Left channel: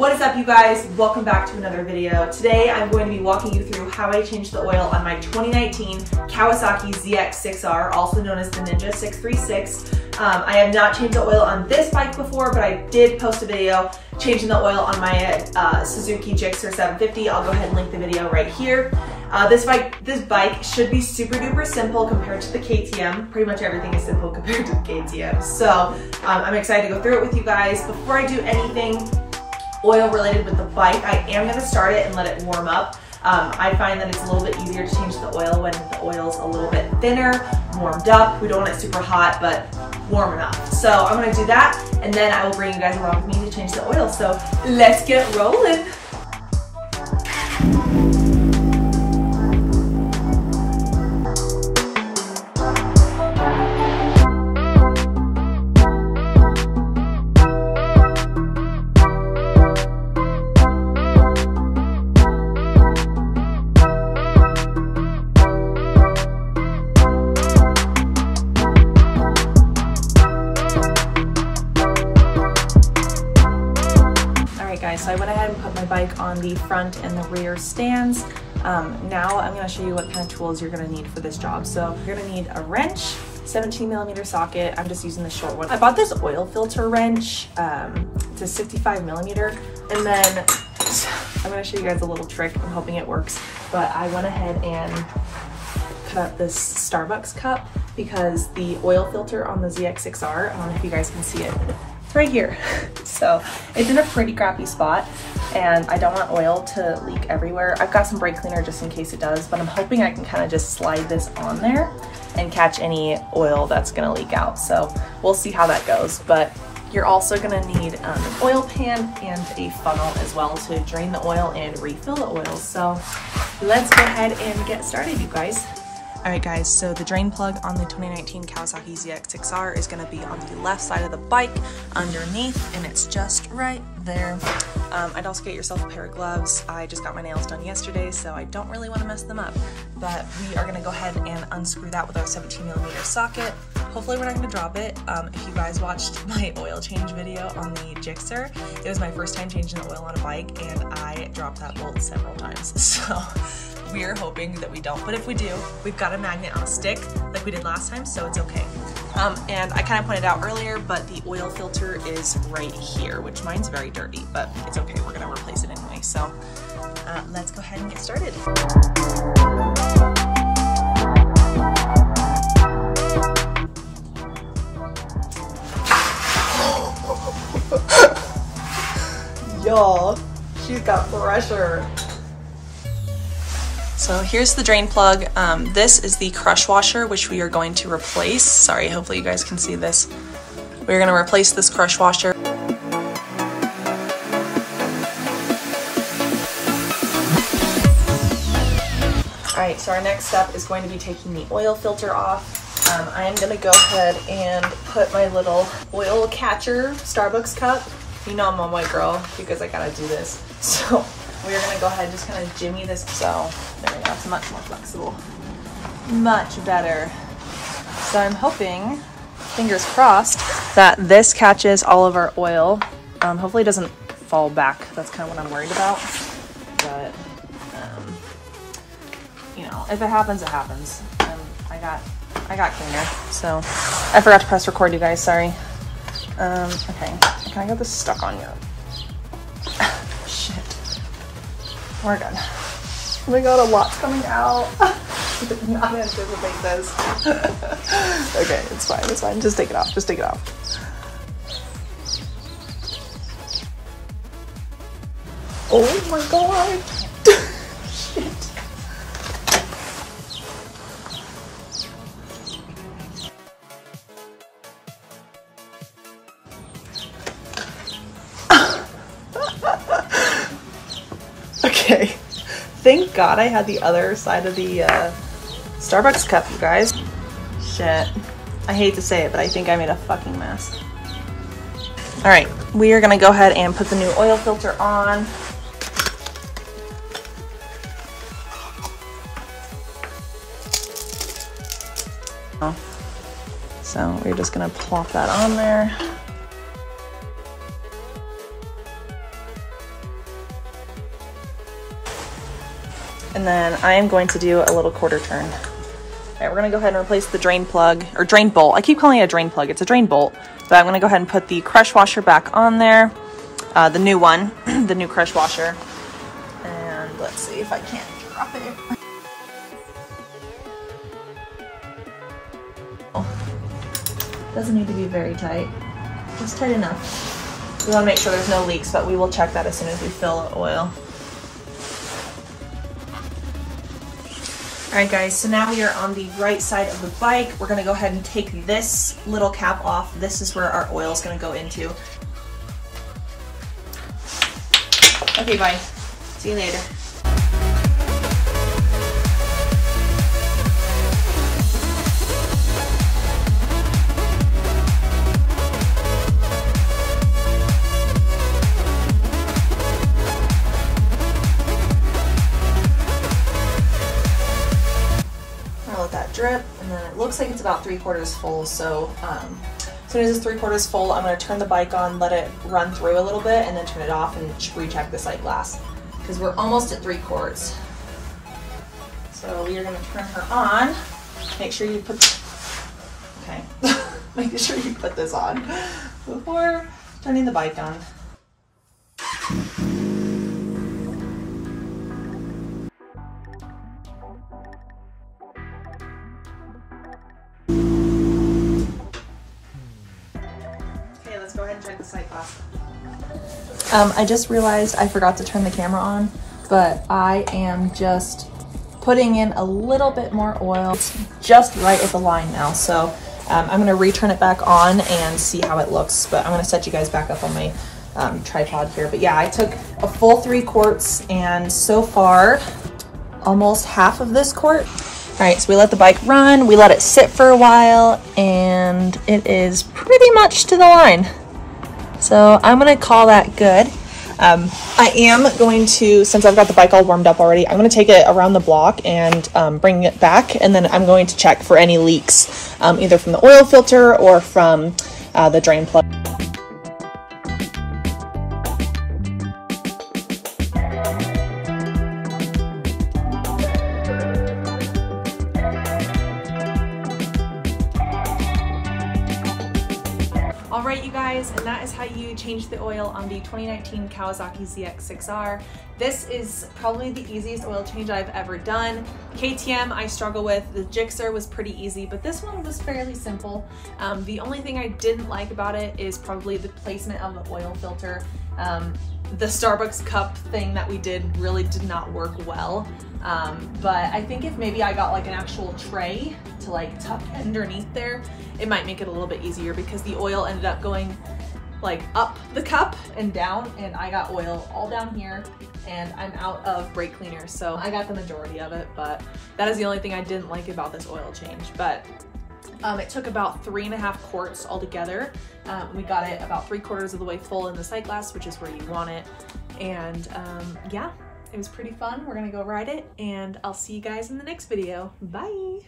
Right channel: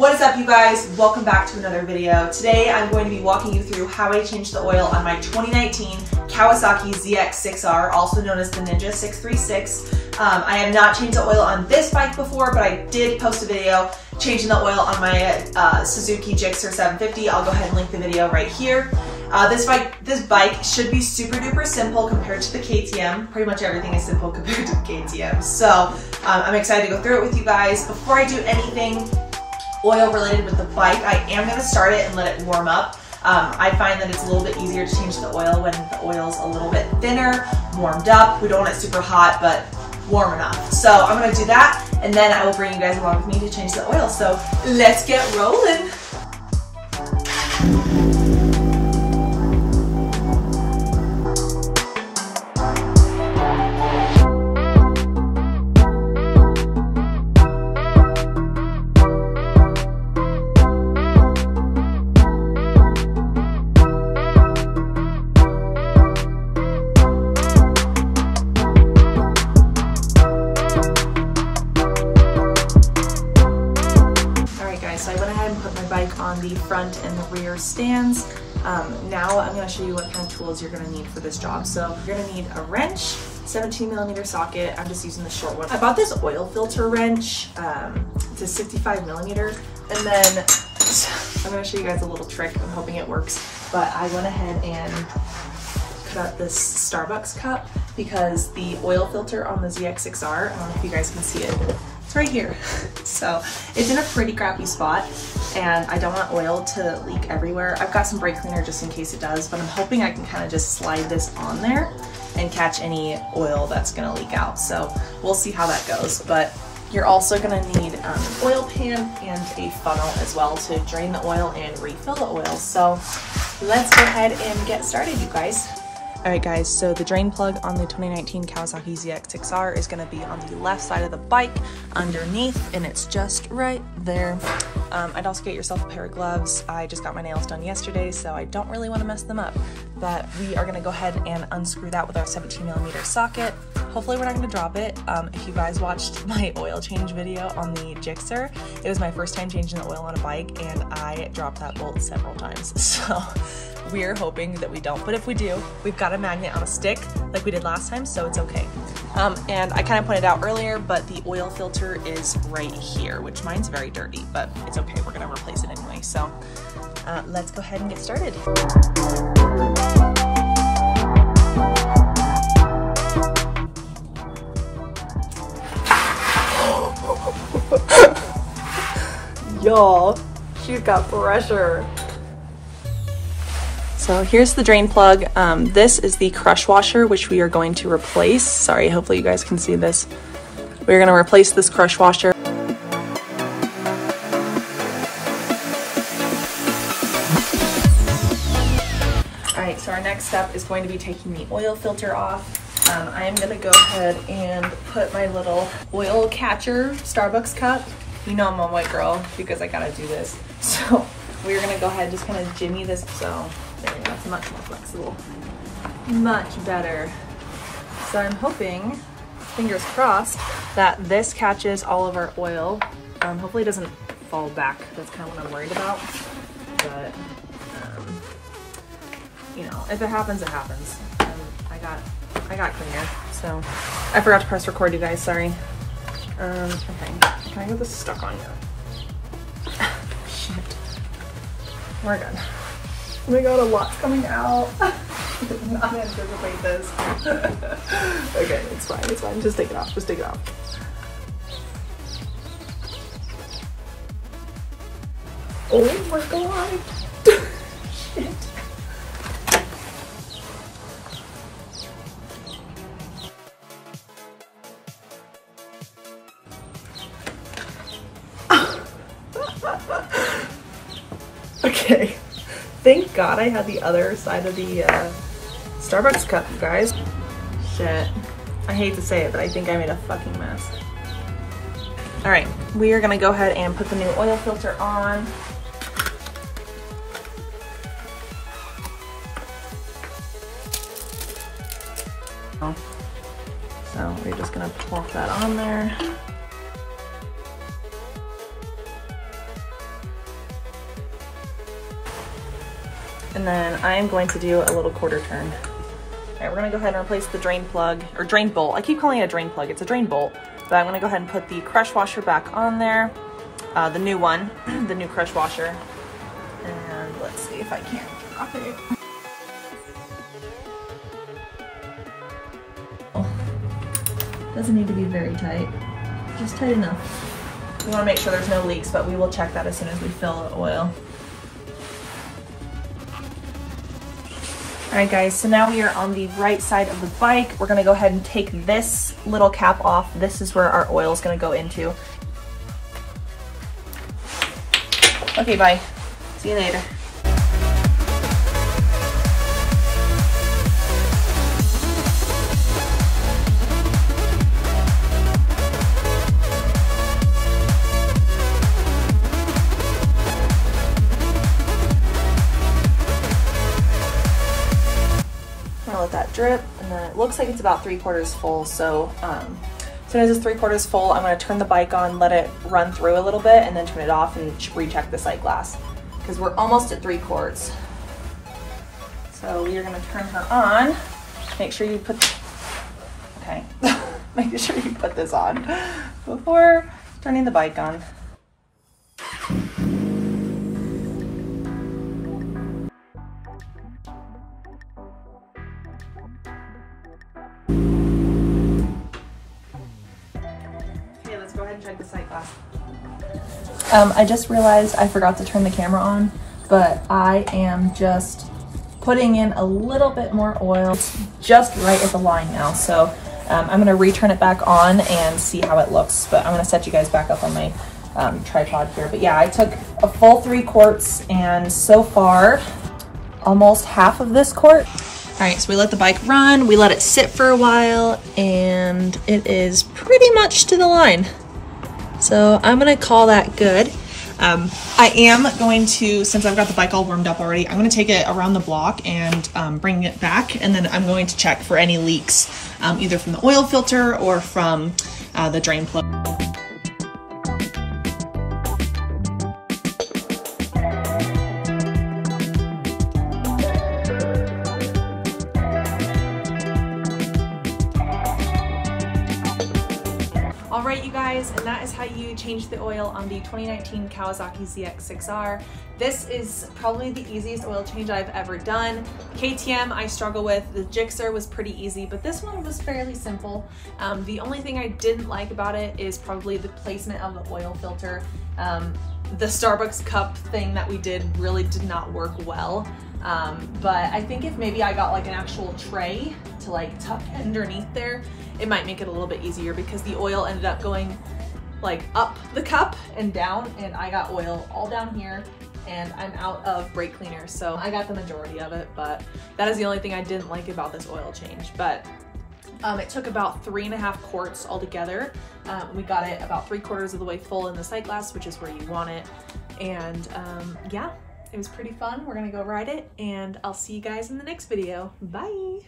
What is up, you guys? Welcome back to another video. Today I'm going to be walking you through how I changed the oil on my 2019 Kawasaki ZX6R, also known as the Ninja 636. I have not changed the oil on this bike before, but I did post a video changing the oil on my Suzuki ZX6R 750. I'll go ahead and link the video right here. This bike should be super duper simple compared to the KTM. Pretty much everything is simple compared to the KTM. So I'm excited to go through it with you guys. Before I do anything oil related with the bike, I am going to start it and let it warm up. I find that it's a little bit easier to change the oil when the oil's a little bit thinner, warmed up. We don't want it super hot, but warm enough. So I'm going to do that, and then I will bring you guys along with me to change the oil. So let's get rolling. So I went ahead and put my bike on the front and the rear stands. Now I'm going to show you what kind of tools you're going to need for this job. So you're going to need a wrench, 17mm socket. I'm just using the short one. I bought this oil filter wrench. It's a 65mm. And then I'm going to show you guys a little trick. I'm hoping it works. But I went ahead and cut out this Starbucks cup because the oil filter on the ZX6R, I don't know if you guys can see it. It's right here. So it's in a pretty crappy spot and I don't want oil to leak everywhere. I've got some brake cleaner just in case it does, but I'm hoping I can kind of just slide this on there and catch any oil that's gonna leak out. So we'll see how that goes. But you're also gonna need an oil pan and a funnel as well to drain the oil and refill the oil. So let's go ahead and get started, you guys. Alright guys, so the drain plug on the 2019 Kawasaki ZX6R is going to be on the left side of the bike underneath, and it's just right there. I'd also get yourself a pair of gloves. I just got my nails done yesterday, so I don't really want to mess them up. But we are going to go ahead and unscrew that with our 17mm socket. Hopefully we're not going to drop it. If you guys watched my oil change video on the ZX6R, it was my first time changing the oil on a bike, and I dropped that bolt several times. So we're hoping that we don't, but if we do, we've got a magnet on a stick like we did last time, so it's okay. And I kind of pointed out earlier, but the oil filter is right here, which mine's very dirty, but it's okay. We're gonna replace it anyway. So let's go ahead and get started. Y'all, she's got pressure. So here's the drain plug. This is the crush washer, which we are going to replace. Sorry, hopefully you guys can see this. We're gonna replace this crush washer. All right, so our next step is going to be taking the oil filter off. I am gonna go ahead and put my little oil catcher Starbucks cup. You know I'm a white girl because I gotta do this. So we're gonna go ahead and just kind of jimmy this. So there we go, it's much more flexible. Much better. So I'm hoping, fingers crossed, that this catches all of our oil. Hopefully it doesn't fall back. That's kind of what I'm worried about. But, you know, if it happens, it happens. I got cleaner. So I forgot to press record, you guys, sorry. Okay, can I get this stuck on yet? Shit. We're good. Oh my god, a lot's coming out. Did not anticipate this. Okay, it's fine, it's fine. Just take it off, just take it off. Oh my god. Shit. Okay, thank God I had the other side of the Starbucks cup, you guys. Shit, I hate to say it, but I think I made a fucking mess. All right, we are gonna go ahead and put the new oil filter on. So we're just gonna plop that on there. And then I am going to do a little quarter turn. All right, we're gonna go ahead and replace the drain plug, or drain bolt. I keep calling it a drain plug, it's a drain bolt. But I'm gonna go ahead and put the crush washer back on there. The new one, the new crush washer. And let's see if I can't drop it. Doesn't need to be very tight, just tight enough. We wanna make sure there's no leaks, but we will check that as soon as we fill the oil. All right guys, so now we are on the right side of the bike. We're gonna go ahead and take this little cap off. This is where our oil is gonna go into. Okay, bye. See you later. Drip, and then it looks like it's about 3/4 full, so as soon as it's 3/4 full, I'm going to turn the bike on, let it run through a little bit, and then turn it off and recheck the sight glass, because we're almost at 3/4. So we are going to turn her on. Make sure you put, okay, make sure you put this on before turning the bike on. Go ahead and check the sight glass. I just realized I forgot to turn the camera on, but I am just putting in a little bit more oil. It's just right at the line now, so I'm gonna return it back on and see how it looks, but I'm gonna set you guys back up on my tripod here. But yeah, I took a full 3 quarts, and so far, almost half of this quart. All right, so we let the bike run, we let it sit for a while, and it is pretty much to the line. So I'm gonna call that good. I am going to, since I've got the bike all warmed up already, I'm gonna take it around the block and bring it back, and then I'm going to check for any leaks, either from the oil filter or from the drain plug. All right, you guys, and that is how you change the oil on the 2019 Kawasaki ZX6R. This is probably the easiest oil change I've ever done. KTM I struggle with, the Gixxer was pretty easy, but this one was fairly simple. The only thing I didn't like about it is probably the placement of the oil filter. The Starbucks cup thing that we did really did not work well. But I think if maybe I got like an actual tray to like tuck underneath there, it might make it a little bit easier, because the oil ended up going like up the cup and down, and I got oil all down here, and I'm out of brake cleaner. So I got the majority of it, but that is the only thing I didn't like about this oil change. But it took about 3.5 quarts altogether. We got it about 3/4 of the way full in the sight glass, which is where you want it. And yeah, it was pretty fun. We're gonna go ride it, and I'll see you guys in the next video. Bye.